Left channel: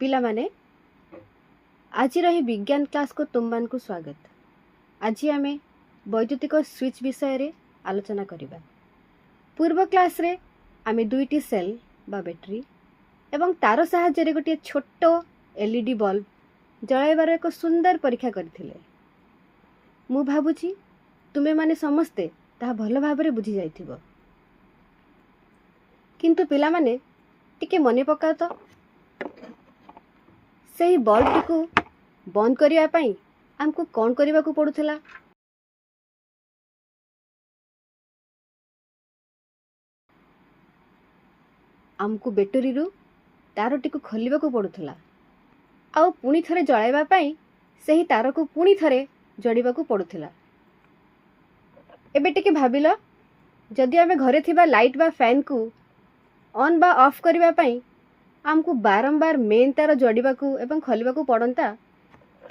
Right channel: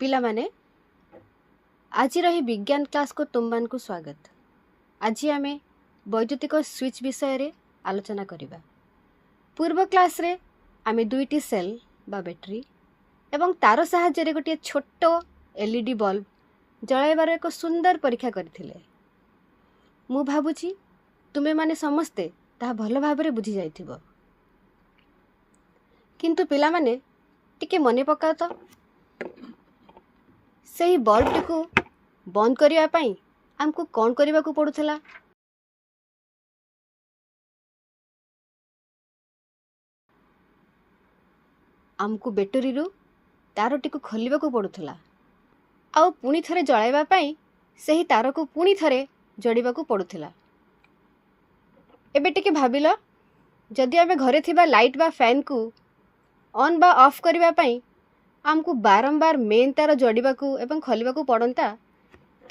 पिला माने आज रही विज्ञान क्लास को तुम मान को स्वागत। आज आमे वैद्युतिक स्विच विषय रे आलोचना करिबा। पूर्व क्लास रे आमे दुईटी सेल बा बैटरी एवं तार साहाय्य रे गोटे छोट एलईडी बल्ब जळाइबार एक सुंदर परीक्षा करथिले। मु भाबुची तुमे माने समस्ते ता भलो भाबरे बुझी जाइथिबो, किंतु पिला माने टिके मने पकाओ तो सही बल्ब टी को बंद करिया पाई हमको कौन करने को पड़ूला। आमको बैटरी रू तार टी को खोलिबा को पड़ूला आउ पुणी थरे जळाइबा पाई सही तार को पुणी थरे जोड़िबा को पड़ूला। एबे टिके भाबिलो जदि आमे घरे थिबा लाइट बा फैन को ऑन बा ऑफ करबा पाई आमको बारंबार मेन तार जोड़िबा को एवं खोलिबा को पड़ंता,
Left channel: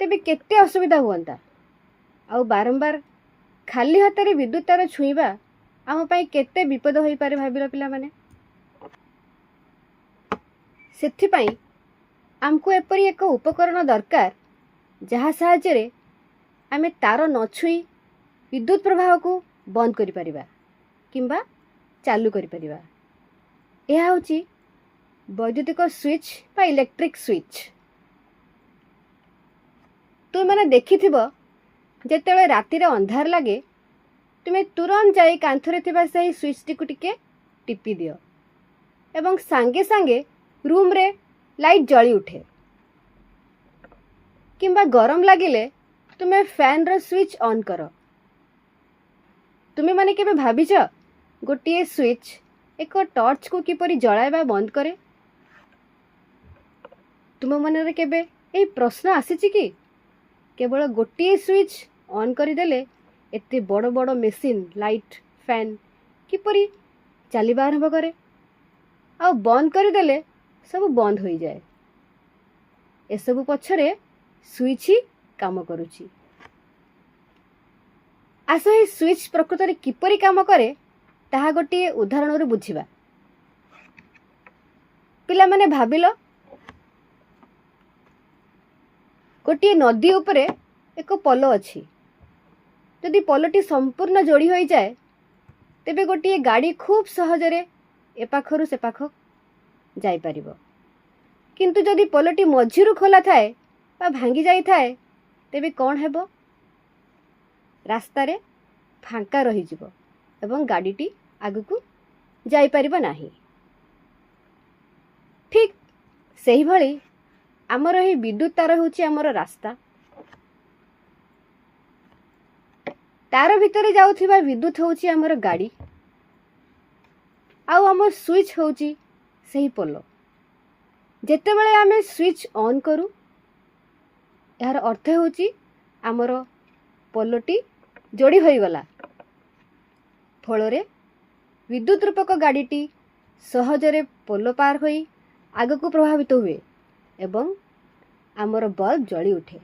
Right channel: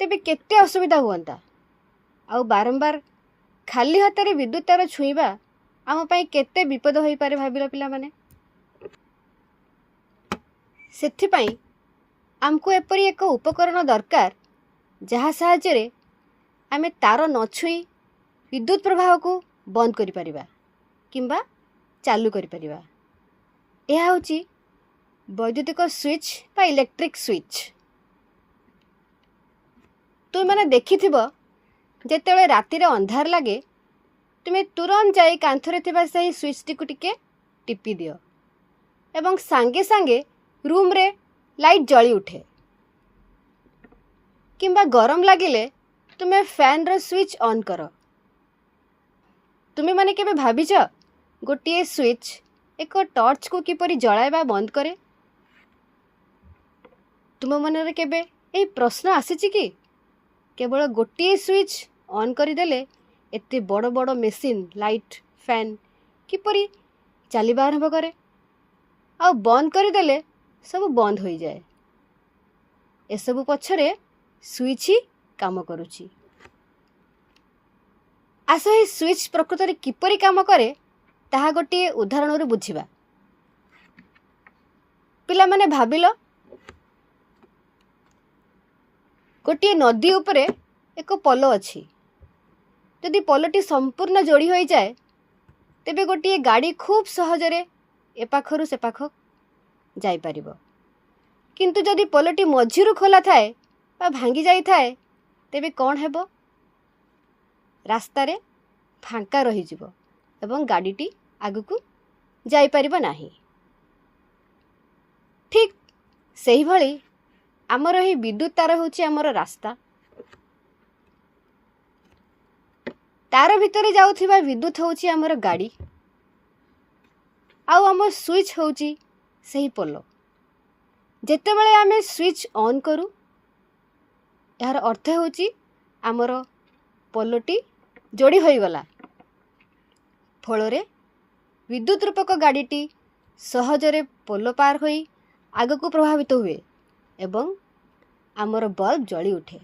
तेबे केते असुविधा हुअंता। आउ बारंबार खाली हाथ रे विद्युत तार छुईबा आम पई केते विपद होई पारे भाबिलो पिला माने। सेथि पई आमको एपरी एक उपकरण दरकार जहा साहाय्य रे आमे तार न छुई विद्युत प्रवाह को बंद करि परिबा किंबा चालू करि परिबा। एहा होची वैद्युतिक स्विच बा इलेक्ट्रिक स्विच। तुम मैंने देखिथिबो जेतेबेले राति रे अंधार लगे तुमे तुरंत जाई कांथरे थिबा सही स्विच टी को टिके टिपी दियो एवं सांगे सांगे रूम रे लाइट जली उठे। किंबा गरम लागिले तुमे फैन रो स्विच ऑन करो। तुमे माने केबे भाबिछ गोटिए स्विच एक टॉर्च को किपरि जळाइबा बंद करे? तुम मनरे केबे ए प्रश्न आसीची कि केवल गोटिए स्विच ऑन करदेले एते बड़ बड़ मेसीन लाइट फैन किपरि चलवा आरंभ करे आ बंद करदेले सब बंद हो जाए? एसबु पछरे स्विच ही काम करुची। आस ही स्विच प्रकृत रे किपरि काम करे ताहा गोटिए उदाहरण रू बुझिबा। पिला माने भाबिलो गोटे नदी उपरे एक पोल अच्छी। यदि पोलटी संपूर्ण जोड़ी हो जाए तेबे गोटे गाड़ी खूब सहजरे एपाखरु से पाख जाई परिबो। किंतु जदि पोलटी मझिरु खोला थाए बा भांगी जाई थाए तेबे कौन हेबो? रास्ता रे फांका रही जिवो एवं गाड़ीटी आगुकू जाई परिबो नाही। ठीक सही भली आमर ही विद्युत तार होची आमर रास्ता। तार भितरे जाउथिबा विद्युत होची आमर गाड़ी आउ आम स्विच होची सही पोलो। जेतेबेले आमे स्विच ऑन करू यार अर्थ होची आमर पोलोटी जोड़ी होई गला। फलरे विद्युत रूपक गाड़ीटी सहजरे पोलो पार होई आगकू प्रभावित हुए एवं आमर बल्ब जली उठे।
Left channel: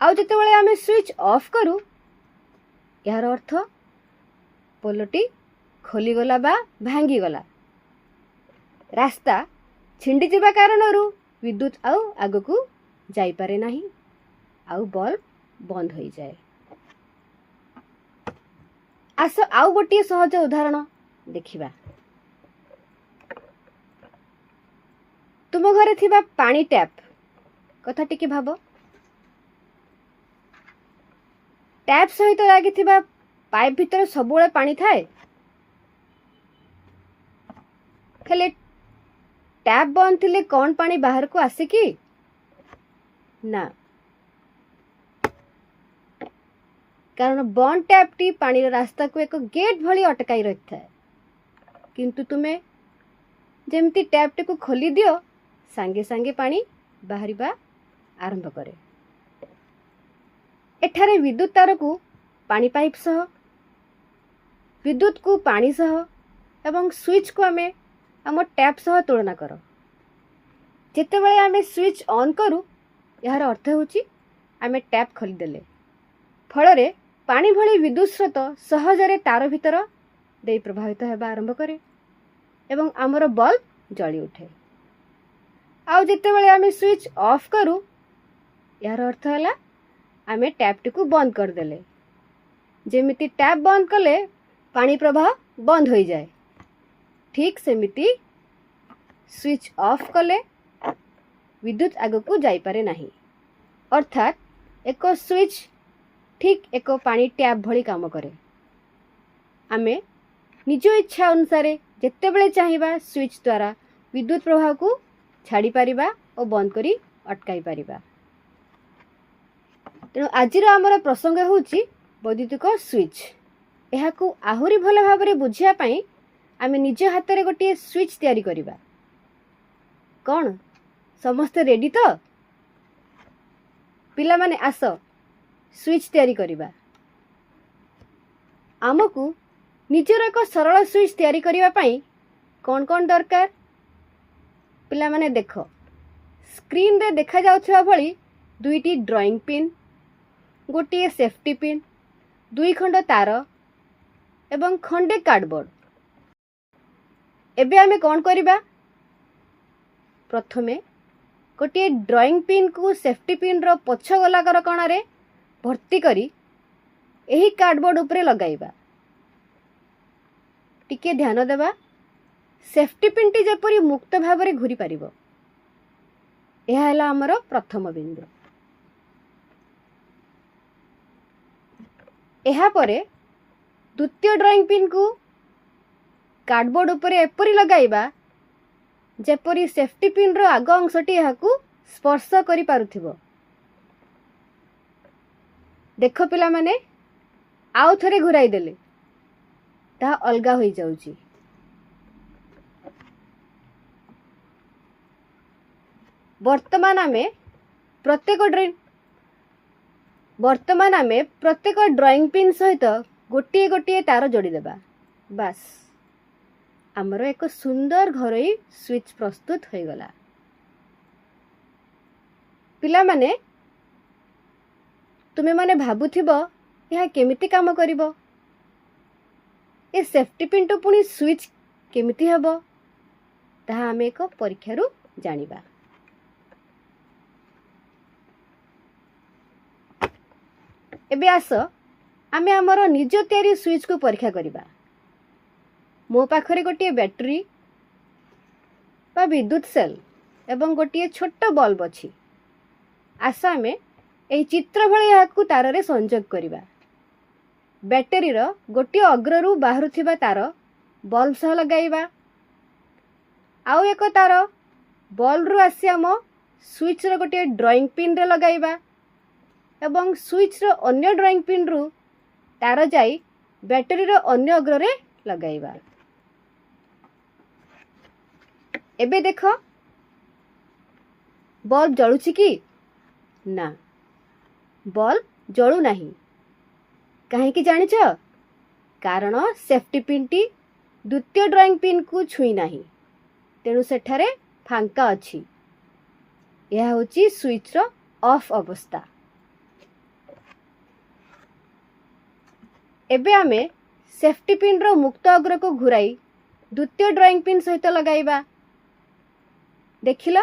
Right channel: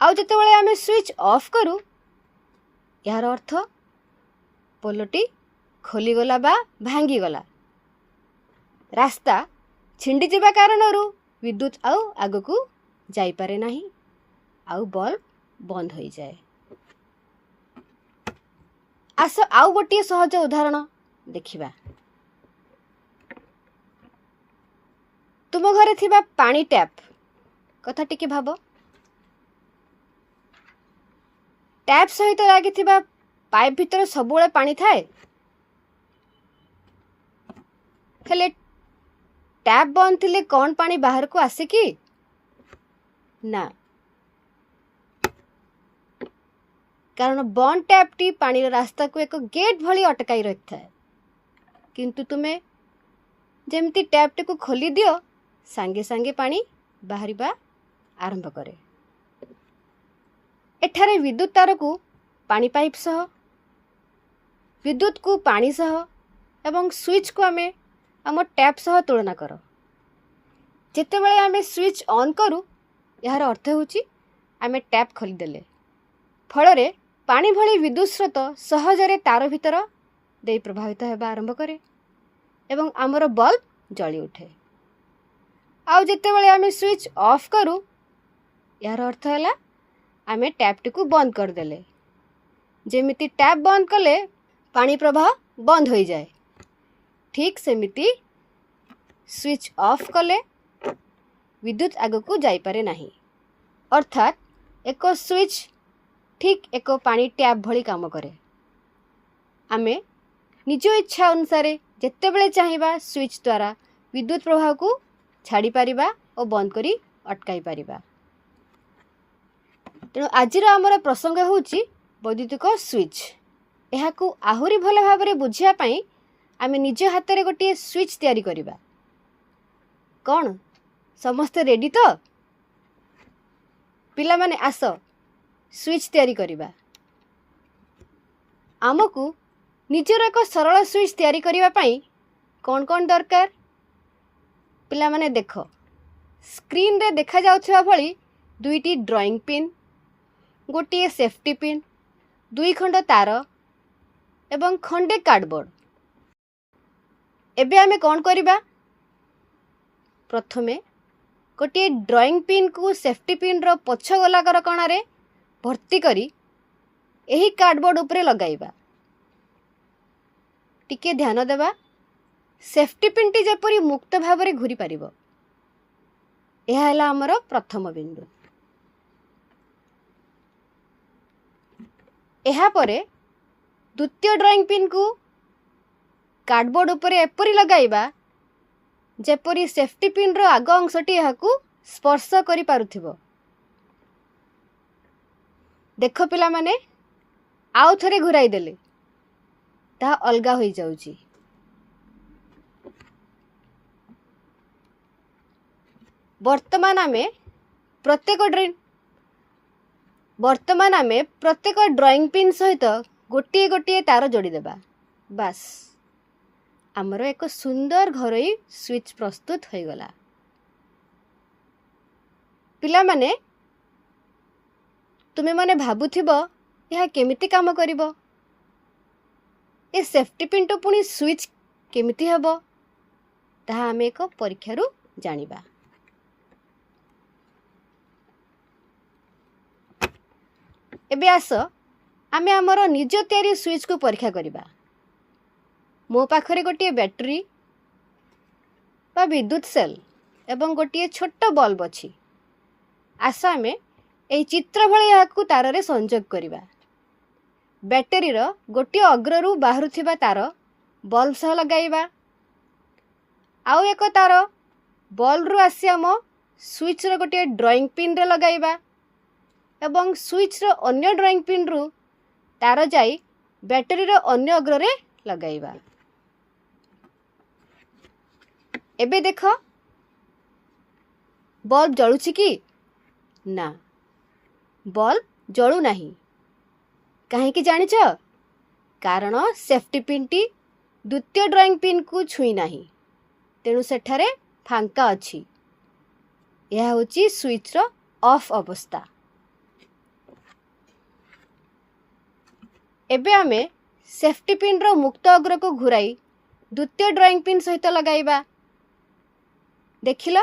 आउ जेतेबेले आमे स्विच ऑफ करू यार अर्थ पोलोटी खोली गला बा भांगी गला। रास्ता छिंडी जिबा कारणरू विद्युत आउ आगकू जाई पारे नाही आउ बल्ब बंद होई जाए। आस आउ गोटी सहज उदाहरण देखिबा। तुम घरे थिबा पानी टैप कथा टिके भाबो। टैप सहित लागी थिबा पाइप भितर सबुळे पानी थाए, हेले टैप बंद थिले कौन पानी बाहर को आसे कि ना? कारण बंद टैप टी पानी रास्ता को एक गेट भली अटकाई रखता है। किंतु तुमे जेमती टैप टी को खोली दियो सांगे सांगे पानी बाहरिबा आरंभ करे। एठारे विद्युत तार को पानी पाइप सह विद्युत को पानी सह एवं स्विच को आमे आम टैप सह तुलना करो। जेतेबेले आमे स्विच ऑन करू यार अर्थ होची आमे टैप खोली देले फलरे पानी भली विद्युत स्रोत सहजरे तार भितर दे प्रभावित हेबा आरंभ करे एवं आमर बल्ब जली उठे। आउ जेतेबेले आमे स्विच ऑफ करू यार अर्थ है आमे टैप टी को बंद कर देले। जेमिति टैप बंद कले पानी प्रवाह बंद हो जाए, ठीक सेमिति स्विच ऑफ कले विद्युत आग को जाई पारे नहीं। अर्थात एक स्विच ठीक एक पानी टैप भली काम करे। आमे निज इच्छा अनुसार जेतेबेले चाहिबा स्विच द्वारा विद्युत प्रवाह को छाड़ी पारिबा और बंद करी अटकाई पारिबा। तेणु आजिर आमर प्रसंग होउची वैद्युतिक स्विच। यह को आहुरी भल भाव में बुझिया पाई आमे निज हाथ में गोटे स्विच तैयारी करिबा। कौन समस्ते रेडी तो? पिला माने आस स्विच तैयारी करिबा। आमको निजर एक सरल स्विच तैयारी करिबा पाई कौन कौन दरकार पिला माने देख, स्क्रीन रे देखा जाउथिबा भली दुईटी ड्राइंग पिन, गोटे सेफ्टी पिन, दुई खंड तार एवं खंडे कार्डबोर्ड। एबे आमे कौन करिबा? प्रथमे गोटे ड्राइंग पिन को सेफ्टी पिन रो पछ गोलाकार कणारे भर्ती करी एही कार्डबोर्ड उपरे लगाइबा। टिके ध्यान देबा सेफ्टी पिन टी जेपरी मुक्त भाव में घूरी पारिबो। यह है आमर प्रथम बिंदु। एहा परे द्वितीय ड्राइंग पिन को कार्डबोर्ड उपरे एपरी लगाइबा जेपरी सेफ्टी पिन रो आग अंशटी यह को स्पर्श करि पारुथिबो। देख पिला माने आउ थरे घुराई देले ता अलगा होई जाउची। वर्तमान आमे प्रत्येक ड्राइंग पिन सहित गोटे गोटे तार जोड़ी देबा। बस आमर एक सुंदर घरोई स्विच प्रस्तुत हो गला। पिला माने तुमे माने भाबुथिबो यह केमिति काम करिवो, ए सेफ्टी पिन तो पुणी स्विच केमिति हेबो ताहा आमे एक परीक्षारु जानिबा। एबे आस आमे आमर निज तैयारी स्विच को परीक्षा करिबा। मो पाखरे गोटे बैटरी बा विद्युत सेल एवं गोटे छोट बल्ब अछि। आस आमे एही चित्र भली याकू तार रे संयोग करिबा। बैटरी रो गोटे अग्ररु बाहरुथिबा तार बल्ब सह लगाइबा। आउ एक तार बल्ब रु आसी आम स्विच रो गोटे ड्राइंग पिन रे लगाइबा एवं स्विच रो अन्य ड्राइंग पिन रु तार जाई बैटरी रो अन्य अग्र रे लगाइबा। एबे देख बल्ब जळुछि कि ना? बल्ब जळु नाही। काहे कि जानिछ? कारण सेफ्टी पिन टी द्वितीय ड्राइंग पिन को छुई नाही, तेणु सेठारे फांका अछि। यह होची स्विच रो ऑफ अवस्था। एबे आमे सेफ्टी पिन रो मुक्त अग्र को घुराई द्वितीय ड्राइंग पिन सहित लगाइबा। देखिला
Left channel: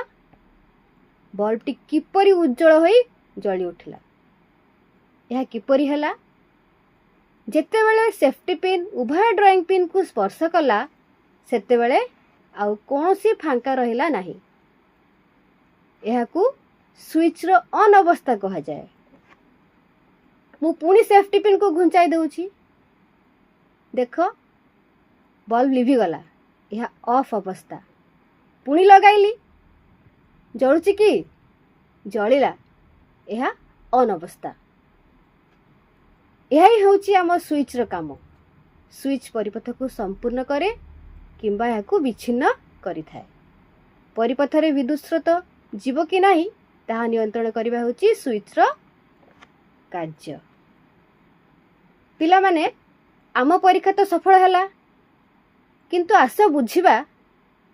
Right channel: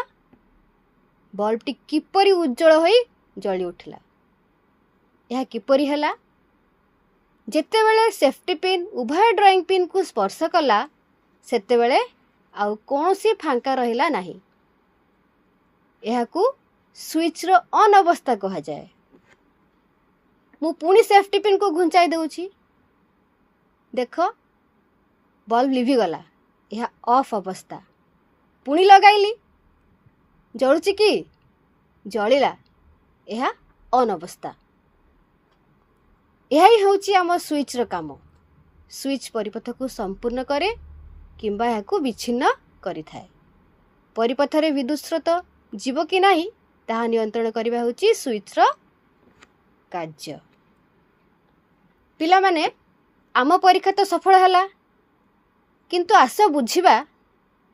बल्ब टी किपरि उज्जवल होई जळी उठिला। यह किपरि हला? जेतेबेले सेफ्टी पिन उभय ड्राइंग पिन को स्पर्श कला सेतेबेले आउ कोनोसी फांका रहिला नाही। यहाकू स्विच रो ऑन अवस्था कहा जाए। मु पुणी सेफ्टी पिन को घुंचाई दउछि। देख बल्ब लिभि गला। यह ऑफ अवस्था। पुणी लगाइली जळुछि कि? जळिला। यह ऑन अवस्था। यही होची आम स्विच रो काम। स्विच परिपथ को संपूर्ण करे किंबा याकू विच्छिन्न करि थाए। परिपथ रे विद्युत स्रोत जीव कि नाही ताहा नियंत्रण करिबा होची स्विच रो कार्य। पिला माने आम परीक्षा तो सफल हला, किंतु आस बुझिबा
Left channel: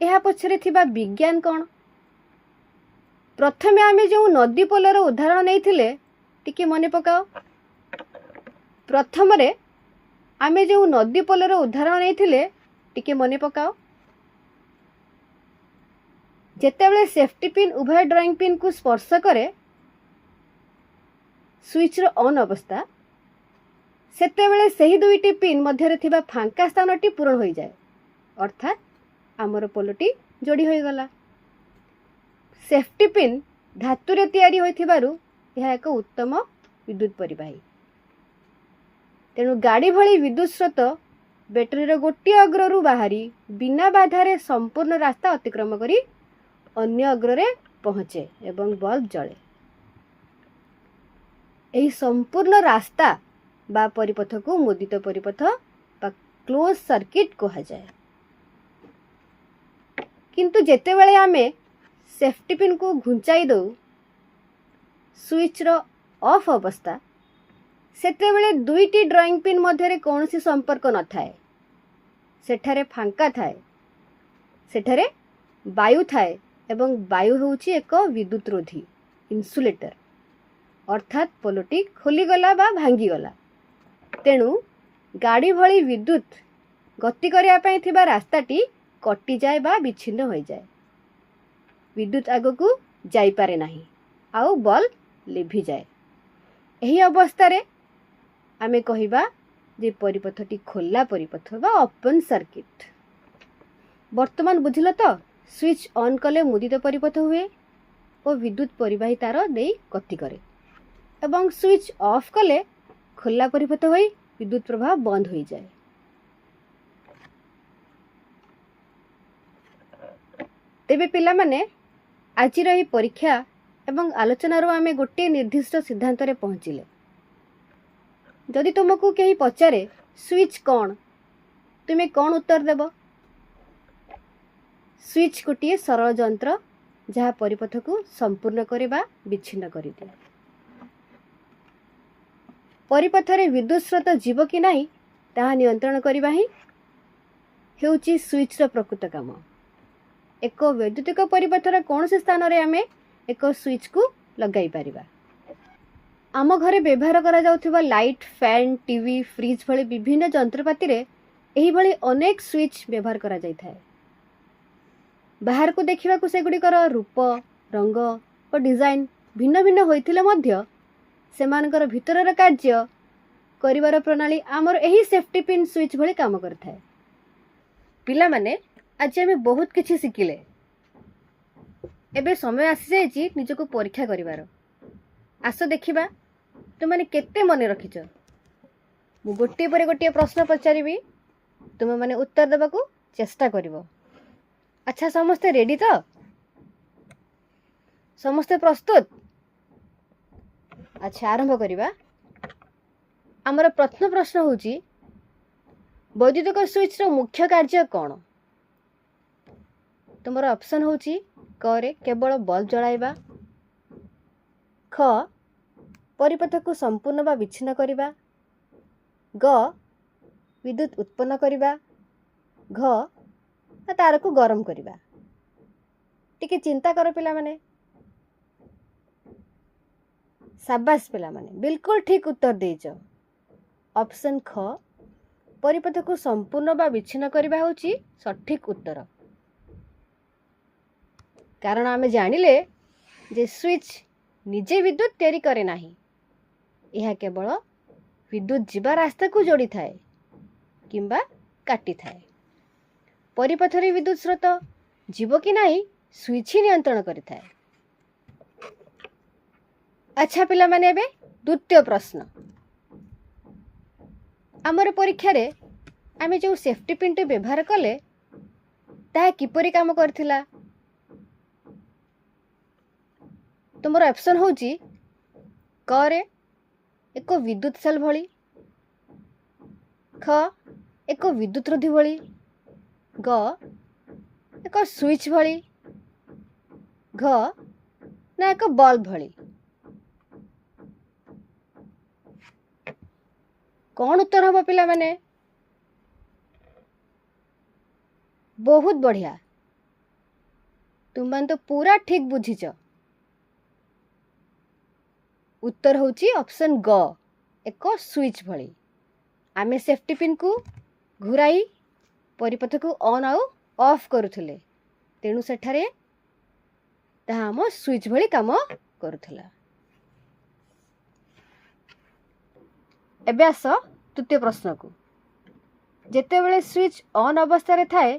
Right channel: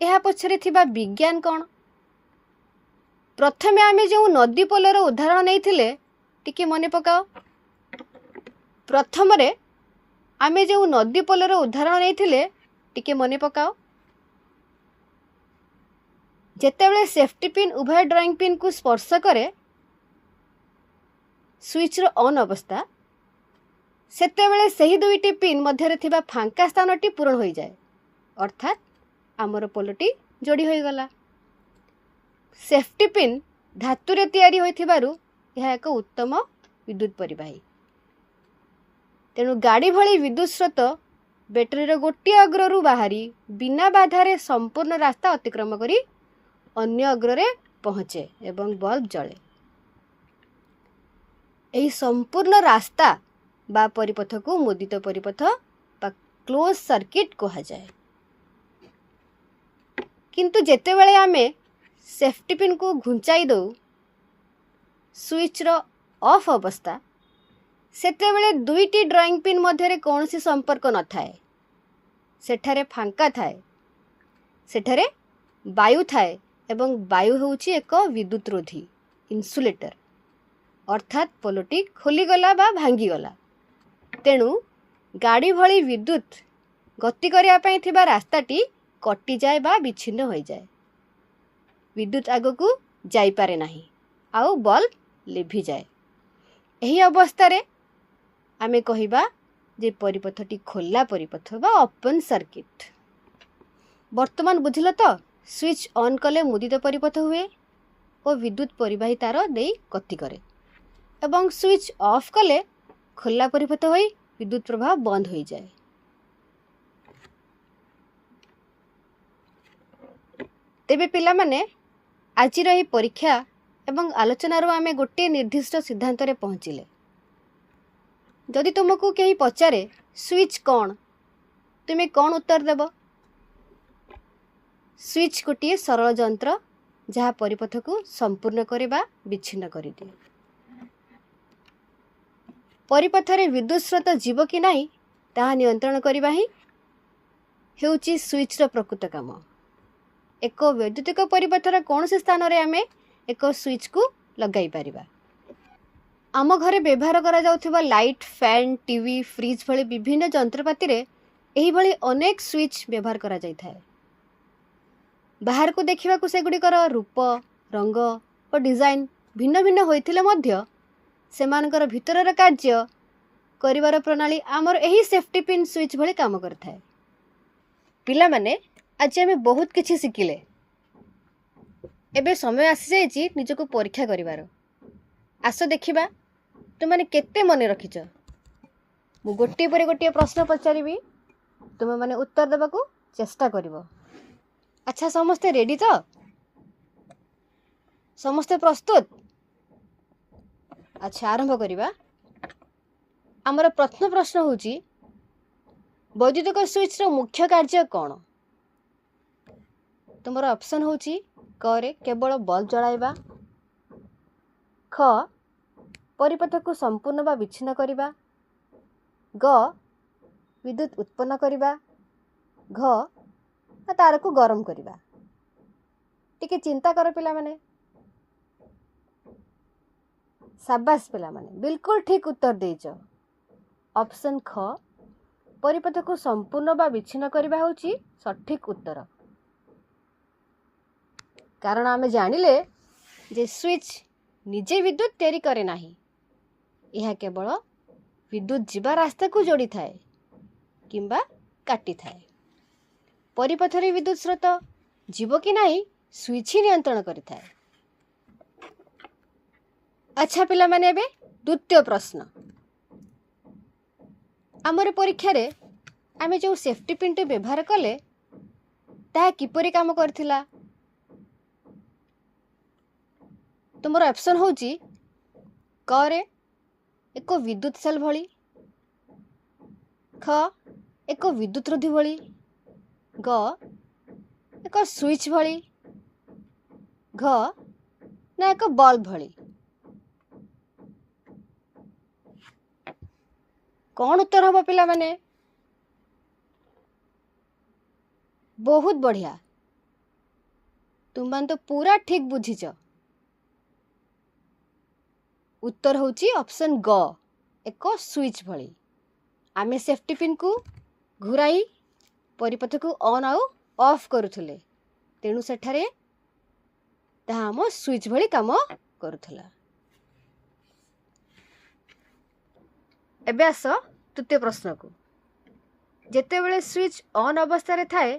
एहा पछरे थिबा विज्ञान कोन। प्रथमे आमे जो नदी पोलर उदाहरण नैथिले टिके मने पकाओ। प्रथम रे आमे जो नदी पोलर उदाहरण नैथिले टिके मने पकाओ। ଯେତେବେଳେ ସେଫ୍ଟି ପିନ୍ ଉଭୟ ଡ୍ରଇଂ ପିନ୍କୁ ସ୍ପର୍ଶ କରେ ସୁଇଚ୍ର ଅନ୍ ଅବସ୍ଥା, ସେତେବେଳେ ସେହି ଦୁଇଟି ପିନ୍ ମଧ୍ୟରେ ଥିବା ଫାଙ୍କା ସ୍ଥାନଟି ପୂରଣ ହୋଇଯାଏ, ଅର୍ଥାତ୍ ଆମର ପୋଲଟି ଯୋଡ଼ି ହୋଇଗଲା। ସେଫ୍ଟି ପିନ୍ ଧାତୁରେ ତିଆରି ହୋଇଥିବାରୁ ଏହା ଏକ ଉତ୍ତମ ବିଦ୍ୟୁତ୍ ପରିବାହୀ। ତେଣୁ ଗାଡ଼ି ଭଳି ବିଦ୍ୟୁତ୍ ସ୍ରୋତ ବ୍ୟାଟେରୀର ଗୋଟିଏ ଅଗ୍ରରୁ ବାହାରି ବିନା ବାଧାରେ ସମ୍ପୂର୍ଣ୍ଣ ରାସ୍ତା ଅତିକ୍ରମ କରି ଅନ୍ୟ ଅଗ୍ରରେ ପହଞ୍ଚେ ଏବଂ ବଲ୍ବ ଜଳେ। ଏହି ସମ୍ପୂର୍ଣ୍ଣ ରାସ୍ତା ବା ପରିପଥକୁ ମୁଦିତ ପରିପଥ ବା କ୍ଲୋଜ୍ ସର୍କିଟ୍ କୁହାଯାଏ। କିନ୍ତୁ ଯେତେବେଳେ ଆମେ ସେଫ୍ଟି ପିନ୍କୁ ଘୁଞ୍ଚାଇ ଦେଉ ସୁଇଚ୍ର ଅଫ୍ ଅବସ୍ଥା, ସେତେବେଳେ ଦୁଇଟି ଡ୍ରଇଂ ପିନ୍ ମଧ୍ୟରେ କୌଣସି ସମ୍ପର୍କ ନଥାଏ। ସେଠାରେ ଫାଙ୍କା ଥାଏ, ସେଠାରେ ବାୟୁ ଥାଏ ଏବଂ ବାୟୁ ହେଉଛି ଏକ ବିଦ୍ୟୁତ୍ ରୋଧୀ ଇନ୍ସୁଲେଟର, ଅର୍ଥାତ୍ ପୋଲଟି ଖୋଲିଗଲା ବା ଭାଙ୍ଗିଗଲା। ତେଣୁ ଗାଡ଼ି ଭଳି ବିଦ୍ୟୁତ୍ ଗତି କରିବା ପାଇଁ ଥିବା ରାସ୍ତାଟି କଟିଯାଏ ବା ବିଚ୍ଛିନ୍ନ ହୋଇଯାଏ। ବିଦ୍ୟୁତ୍ ଆଗକୁ ଯାଇପାରେ ନାହିଁ ଆଉ ବଲ୍ବ ଲିଭିଯାଏ। ଏହି ଅବସ୍ଥାରେ ଆମେ କହିବା ଯେ ପରିପଥଟି ଖୋଲା ପରିପଥ ବା ଓପନ୍ ସର୍କିଟ୍। ବର୍ତ୍ତମାନ ବୁଝିଲ ତ, ସୁଇଚ୍ ଅନ୍ କଲେ ମୁଦିତ ପରିପଥ ହୁଏ ଓ ବିଦ୍ୟୁତ୍ ପରିବାହୀ ତାର ଦେଇ ଗତି କରେ ଏବଂ ସୁଇଚ୍ ଅଫ୍ କଲେ ଖୋଲା ପରିପଥ ହୋଇ ବିଦ୍ୟୁତ୍ ପ୍ରବାହ ବନ୍ଦ ହୋଇଯାଏ। ତେବେ ପିଲାମାନେ, ଆଜିର ଏହି ପରୀକ୍ଷା ଏବଂ ଆଲୋଚନାରୁ ଆମେ ଗୋଟିଏ ନିର୍ଦ୍ଦିଷ୍ଟ ସିଦ୍ଧାନ୍ତରେ ପହଞ୍ଚିଲେ। ଯଦି ତୁମକୁ କେହି ପଚାରେ ସୁଇଚ୍ କ'ଣ, ତୁମେ କ'ଣ ଉତ୍ତର ଦେବ? ସୁଇଚ୍ ଗୋଟିଏ ସରଳ ଯନ୍ତ୍ର ଯାହା ପରିପଥକୁ ସମ୍ପୂର୍ଣ୍ଣ କରେ ବା ବିଚ୍ଛିନ୍ନ କରିଦିଏ। ପରିପଥରେ ବିଦ୍ୟୁତ୍ ସ୍ରୋତ ଯିବ କି ନାହିଁ ତାହା ନିୟନ୍ତ୍ରଣ କରିବା ହିଁ ହେଉଛି ସୁଇଚ୍ର ପ୍ରକୃତ କାମ। ଏକ ବୈଦ୍ୟୁତିକ ପରିପଥର କୌଣସି ସ୍ଥାନରେ ଆମେ ଏକ ସୁଇଚ୍କୁ ଲଗାଇ ପାରିବା। ଆମ ଘରେ ବ୍ୟବହାର କରାଯାଉଥିବା ଲାଇଟ୍, ଫ୍ୟାନ୍, ଟିଭି, ଫ୍ରିଜ୍ ଭଳି ବିଭିନ୍ନ ଯନ୍ତ୍ରପାତିରେ ଏହିଭଳି ଅନେକ ସୁଇଚ୍ ବ୍ୟବହାର କରାଯାଇଥାଏ। ବାହାରକୁ ଦେଖିବାକୁ ସେଗୁଡ଼ିକର ରୂପ, ରଙ୍ଗ ଓ ଡିଜାଇନ୍ ଭିନ୍ନ ଭିନ୍ନ ହୋଇଥିଲେ ମଧ୍ୟ ସେମାନଙ୍କର ଭିତରର କାର୍ଯ୍ୟ କରିବାର ପ୍ରଣାଳୀ ଆମର ଏହି ସେଫ୍ଟି ପିନ୍ ସୁଇଚ୍ ଭଳି କାମ କରିଥାଏ। ପିଲାମାନେ, ଆଜି ଆମେ ବହୁତ କିଛି ଶିଖିଲେ। ଏବେ ସମୟ ଆସିଯାଇଛି ନିଜକୁ ପରୀକ୍ଷା କରିବାର। ଆସ ଦେଖିବା ତୁମମାନେ କେତେ ମନେ ରଖିଛ। ମୁଁ ଗୋଟିଏ ପରେ ଗୋଟିଏ ପ୍ରଶ୍ନ ପଚାରିବି, ତୁମମାନେ ଉତ୍ତର ଦେବାକୁ ଚେଷ୍ଟା କରିବ। ଆଚ୍ଛା, ସମସ୍ତେ ରେଡି ତ? ସମସ୍ତେ ପ୍ରସ୍ତୁତ? ଆଚ୍ଛା, ଆରମ୍ଭ କରିବା। ଆମର ପ୍ରଥମ ପ୍ରଶ୍ନ ହେଉଛି, ବୈଦ୍ୟୁତିକ ସୁଇଚ୍ର ମୁଖ୍ୟ କାର୍ଯ୍ୟ କ'ଣ? ତୁମର ଅପସନ୍ ହେଉଛି କ ରେ କେବଳ ବଲ୍ବ ଜଳାଇବା, ଖ ପରିପଥକୁ ସମ୍ପୂର୍ଣ୍ଣ ବା ବିଚ୍ଛିନ୍ନ କରିବା, ଗ ବିଦ୍ୟୁତ୍ ଉତ୍ପନ୍ନ କରିବା, ଘ ତାରକୁ ଗରମ କରିବା। ଟିକେ ଚିନ୍ତା କର ପିଲାମାନେ। ସାବାସ୍ ପିଲାମାନେ, ବିଲକୁଲ ଠିକ୍ ଉତ୍ତର ଦେଇଛ। ଅପସନ୍ ଖ ପରିପଥକୁ ସମ୍ପୂର୍ଣ୍ଣ ବା ବିଚ୍ଛିନ୍ନ କରିବା ହେଉଛି ସଠିକ୍ ଉତ୍ତର। କାରଣ ଆମେ ଜାଣିଲେ ଯେ ସୁଇଚ୍ ନିଜେ ବିଦ୍ୟୁତ୍ ତିଆରି କରେ ନାହିଁ, ଏହା କେବଳ ବିଦ୍ୟୁତ୍ ଯିବା ରାସ୍ତାକୁ ଯୋଡ଼ିଥାଏ କିମ୍ବା କାଟିଥାଏ। ପରିପଥରେ ବିଦ୍ୟୁତ୍ ସ୍ରୋତ ଯିବ କି ନାହିଁ ସୁଇଚ୍ ହିଁ ନିୟନ୍ତ୍ରଣ କରିଥାଏ। ଆଚ୍ଛା ପିଲାମାନେ, ଏବେ ଦ୍ୱିତୀୟ ପ୍ରଶ୍ନ। ଆମର ପରୀକ୍ଷାରେ ଆମେ ଯେଉଁ ସେଫ୍ଟି ପିନ୍ଟି ବ୍ୟବହାର କଲେ ତାହା କିପରି କାମ କରିଥିଲା? ତୁମର ଅପସନ୍ ହେଉଛି କ ରେ ଏକ ବିଦ୍ୟୁତ୍ ସେଲ୍ ଭଳି, ଖ ଏକ ବିଦ୍ୟୁତ୍ ରୋଧୀ ଭଳି, ଗ ଏକ ସୁଇଚ୍ ଭଳି, ଘ ନା ଏକ ବଲ୍ବ ଭଳି। କ'ଣ ଉତ୍ତର ହେବ ପିଲାମାନେ? ବହୁତ ବଢ଼ିଆ, ତୁମମାନେ ତ ପୁରା ଠିକ୍ ବୁଝିଛ। ଉତ୍ତର ହେଉଛି ଅପସନ୍ ଗ, ଏକ ସୁଇଚ୍ ଭଳି। ଆମେ ସେଫ୍ଟି ପିନ୍କୁ ଘୁରାଇ ପରିପଥକୁ ଅନ୍ ଆଉ ଅଫ୍ କରୁଥିଲେ, ତେଣୁ ସେଠାରେ ତାହା ଆମ ସୁଇଚ୍ ଭଳି କାମ କରୁଥିଲା। ଏବେ ଆସ ତୃତୀୟ ପ୍ରଶ୍ନକୁ। ଯେତେବେଳେ ସୁଇଚ୍ ଅନ୍ ଅବସ୍ଥାରେ ଥାଏ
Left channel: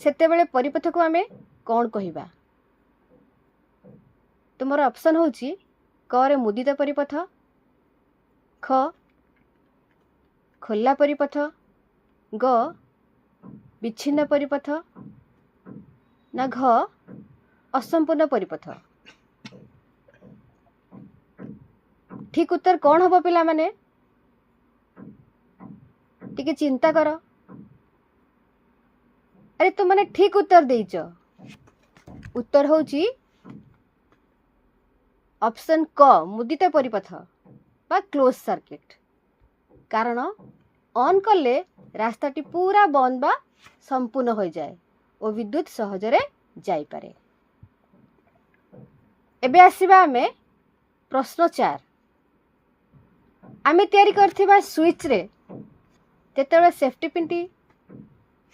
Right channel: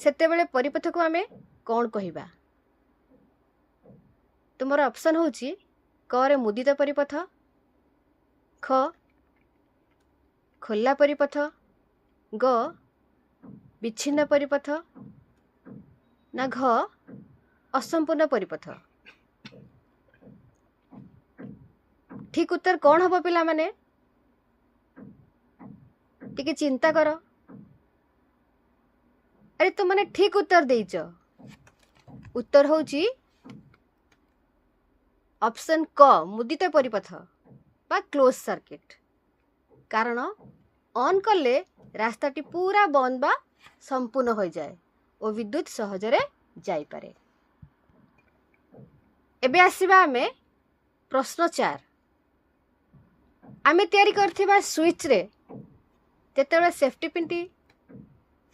ସେତେବେଳେ ପରିପଥକୁ ଆମେ କ'ଣ କହିବା? ତୁମର ଅପସନ୍ ହେଉଛି କ ରେ ମୁଦିତ ପରିପଥ, ଖ ଖୋଲା ପରିପଥ, ଗ ବିଚ୍ଛିନ୍ନ ପରିପଥ, ନା ଘ ଅସମ୍ପୂର୍ଣ୍ଣ ପରିପଥ। ଠିକ୍ ଉତ୍ତର କ'ଣ ହେବ ପିଲାମାନେ? ଟିକେ ଚିନ୍ତା କର। ଆରେ ତୁମମାନେ ଠିକ୍ ଉତ୍ତର ଦେଇଛ। ଉତ୍ତର ହେଉଛି ଅପସନ୍ କ ମୁଦିତ ପରିପଥ ବା କ୍ଲୋଜ୍ ସର୍କିଟ୍। କାରଣ ଅନ୍ କଲେ ରାସ୍ତାଟି ପୁରା ବନ୍ଦ ବା ସମ୍ପୂର୍ଣ୍ଣ ହୋଇଯାଏ ଓ ବିଦ୍ୟୁତ୍ ସହଜରେ ଯାଇପାରେ। ଏବେ ଆସିବା ଆମେ ପ୍ରଶ୍ନ 4। ଆମେ ତିଆରି କରିଥିବା ସୁଇଚ୍ରେ ଯେତେବେଳେ ସେଫ୍ଟି ପିନ୍ଟି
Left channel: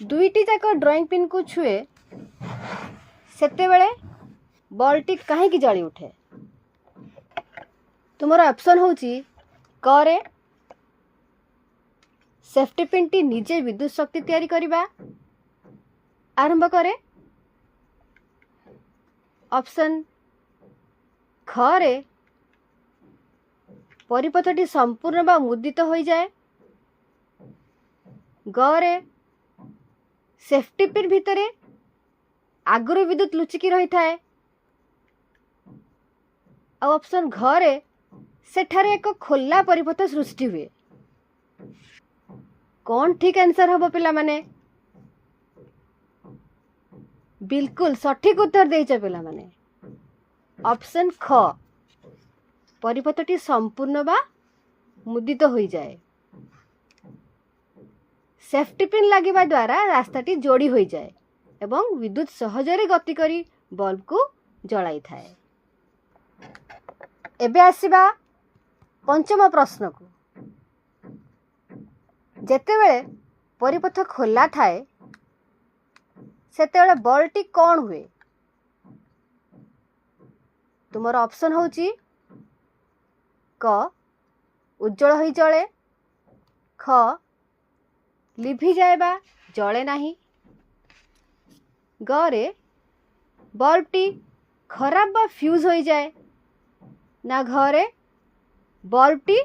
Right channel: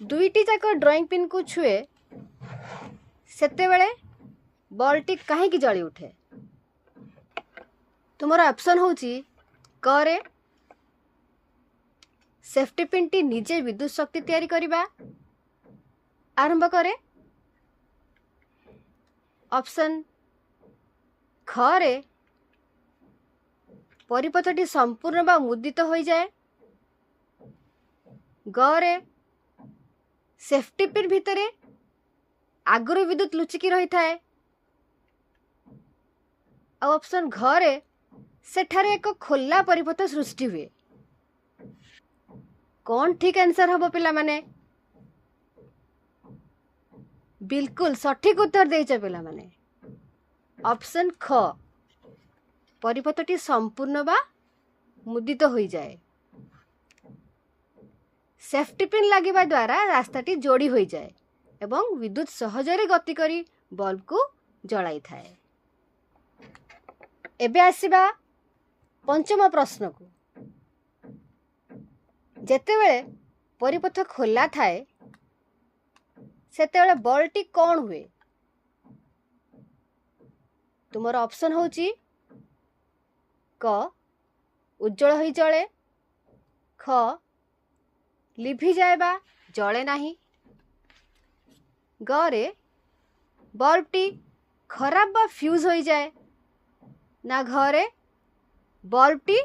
ଦୁଇଟି ଯାକ ଡ୍ରଇଂ ପିନ୍କୁ ଛୁଏ ସେତେବେଳେ ବଲ୍ଟି କାହିଁକି ଜଳି ଉଠେ? ତୁମର ଅପସନ୍ ହେଉଛି କ ରେ ସେଫ୍ଟି ପିନ୍ଟି ନିଜେ ବିଦ୍ୟୁତ୍ ଶକ୍ତି ତିଆରି କରିବା ଆରମ୍ଭ କରେ, ଅପସନ୍ ଖ ରେ ପରିପଥଟି ସମ୍ପୂର୍ଣ୍ଣ ବା ମୁଦିତ ହୋଇଯାଏ, ଗ ରେ ସେଫ୍ଟି ପିନ୍ ଭିତରେ ଆଗରୁ ବିଦ୍ୟୁତ୍ ଲୁଚିକି ରହିଥାଏ, ଆଉ ଅପସନ୍ ଘ ରେ ସେଠାରେ ଏକ ଖୋଲା ପରିପଥ ସୃଷ୍ଟି ହୁଏ। କ'ଣ ଠିକ୍ ଆନ୍ସର ହେବ ପିଲାମାନେ? ବିଲକୁଲ ସଠିକ୍ ଉତ୍ତର ଦେଇଛ ପିଲାମାନେ। ଅପସନ୍ ଖ ପରିପଥଟି ସମ୍ପୂର୍ଣ୍ଣ ବା ମୁଦିତ ହୋଇଯାଏ। ସେଫ୍ଟି ପିନ୍ ଲାଗିବା ଦ୍ୱାରା ରାସ୍ତାଟି ଯୋଡ଼ି ହୋଇଯାଏ ଏବଂ ବିଦ୍ୟୁତ୍ ସହଜରେ ଗତି କରି ବଲ୍ବକୁ ଜଳାଇଥାଏ। ଏବେ ଆସିବା ପଞ୍ଚମ ପ୍ରଶ୍ନକୁ। ଯେତେବେଳେ ପରିପଥ ଖୋଲା ଥାଏ ସେତେବେଳେ ବଲ୍ବଟି କ'ଣ ହୁଏ? ତୁମର ଅପସନ୍ ହେଉଛି କ ଉଜ୍ଜଳ ହୋଇ ଜଳେ, ଖ ଲିଭିଯାଏ ବା ଜଳେ ନାହିଁ, ଗ ରେ ବଲ୍ବଟି ଖରାପ ବା ଫ୍ୟୁଜ୍ ହୋଇଯାଏ, ନା ଘ ରେ ବଲ୍ବଟି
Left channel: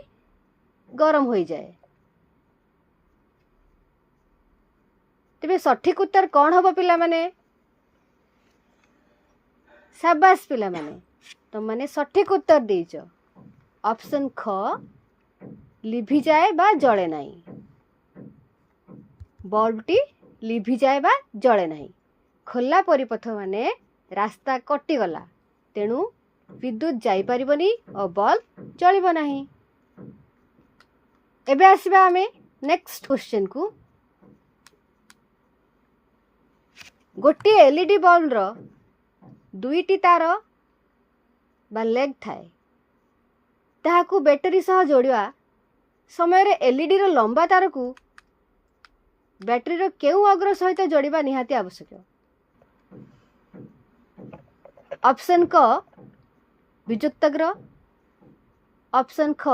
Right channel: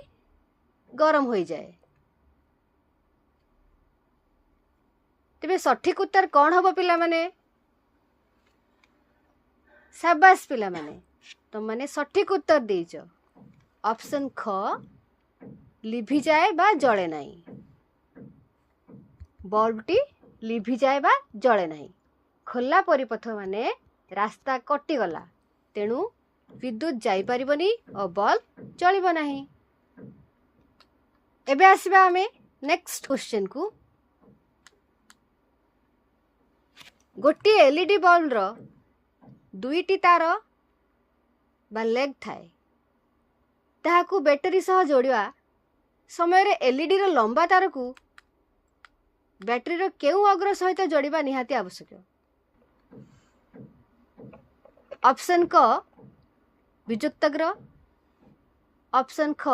ଗରମ ହୋଇଯାଏ। ତେବେ ସଠିକ୍ ଉତ୍ତର କ'ଣ ହେବ ପିଲାମାନେ? ସାବାସ୍ ପିଲାମାନେ, ତୁମମାନେ ସଠିକ୍ ଉତ୍ତର ଦେଇଛ। ଅପସନ୍ ଖ ଲିଭିଯାଏ ବା ଜଳେ ନାହିଁ। ବଲ୍ବଟି ଲିଭିଯାଏ ବା ଜଳେ ନାହିଁ। ଖୋଲା ପରିପଥ ମାନେ ରାସ୍ତା କଟିଗଲା, ତେଣୁ ବିଦ୍ୟୁତ୍ ଯାଇପାରିବନି ଓ ବଲ୍ବ ଜଳିବ ନାହିଁ। ଏବେ ଆସିବା ଆମେ ନେକ୍ସଟ କ୍ୱେଶ୍ଚନକୁ। ଗୋଟିଏ ଏଲ୍ଇଡି ବଲ୍ବର ଦୁଇଟି ତାର ବା ଲେଗ୍ ଥାଏ। ତାହାକୁ ବ୍ୟାଟେରୀ ସହ ଯୋଡ଼ିବା ସମୟରେ ଏଲ୍ଇଡିର ଲମ୍ବା ତାରକୁ ବ୍ୟାଟେରୀର କେଉଁ ଅଗ୍ର ସହିତ ଯୋଡ଼ିବା ନିହାତି ଆବଶ୍ୟକ? ଅପସନ୍ କ ବିଯୁକ୍ତାଗ୍ର, ଅପସନ୍ ଖ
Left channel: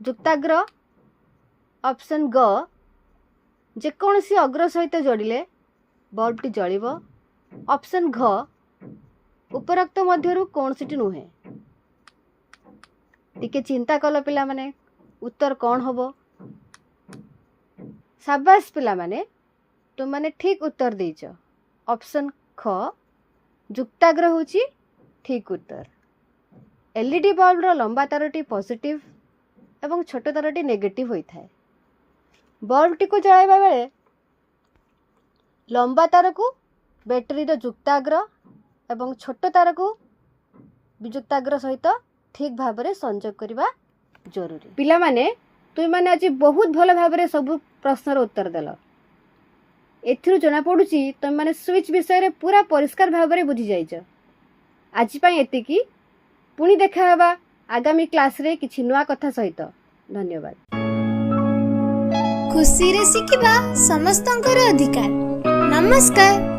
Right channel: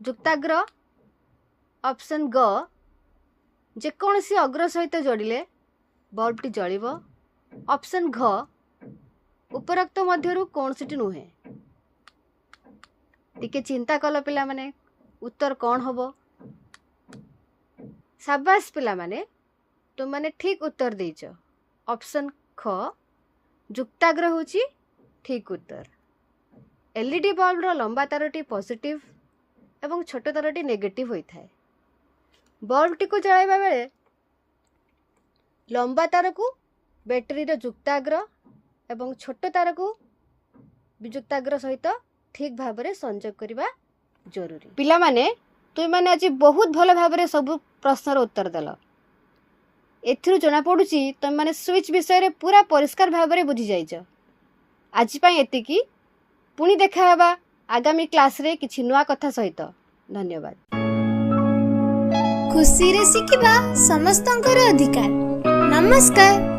ଯୁକ୍ତାଗ୍ର, ଅପସନ୍ ଗ ଯେକୌଣସି ଅଗ୍ର ସହିତ ଯୋଡ଼ିଲେ ବଲ୍ବଟି ଜଳିବ, ଅପସନ୍ ଘ ଉପରୋକ୍ତ ମଧ୍ୟରୁ କୌଣସିଟି ନୁହେଁ। ଟିକେ ଚିନ୍ତା କଲ ପିଲାମାନେ, ଉତ୍ତର କ'ଣ ହେବ? ସାବାସ୍ ପିଲାମାନେ, ତୁମମାନେ ଠିକ୍ ଉତ୍ତର ଦେଇଛ। ଅପସନ୍ ଖ ଯୁକ୍ତାଗ୍ର ହେଉଛି ଠିକ୍ ଉତ୍ତର। ଏଲ୍ଇଡି ବଲ୍ବର ଲମ୍ବା ତାରଟି ପଜିଟିଭ୍ ଏବଂ ଛୋଟ ତାରଟି ନେଗେଟିଭ୍ ହୋଇଥାଏ। ବଲ୍ବଟିକୁ ଜଳାଇବା ବେଳେ ଲମ୍ବା ତାରକୁ ବ୍ୟାଟେରୀର ଯୁକ୍ତାଗ୍ର ଏବଂ ଛୋଟ ତାରକୁ ବିଯୁକ୍ତାଗ୍ର ସହିତ ଠିକ୍ ଭାବରେ ସଂଯୋଗ କରିବା ଜରୁରୀ। ପିଲାମାନେ, ତୁମମାନେ ଆଜି ବହୁତ ଭଲ ଭାବରେ ସବୁ ପ୍ରଶ୍ନର ଉତ୍ତର ଦେଲ। ଏଥିରୁ ଜଣାପଡ଼ୁଛି ତୁମମାନେ ସୁଇଚ୍ ବିଷୟରେ ପୁରା ପରିଷ୍କାର ଭାବରେ ବୁଝିଯାଇଛ। ଆଜି ପାଇଁ ଏତିକି। ପୁଣି ଦେଖା ହେବା ଆଗାମୀ କ୍ଲାସ୍ରେ କିଛି ନୂଆ କଥା ସହିତ। ଧନ୍ୟବାଦ। ଖୁସିରେ ଶିଖିବା ସମସ୍ତଙ୍କର ଅଧିକାର। ନମସ୍କାର।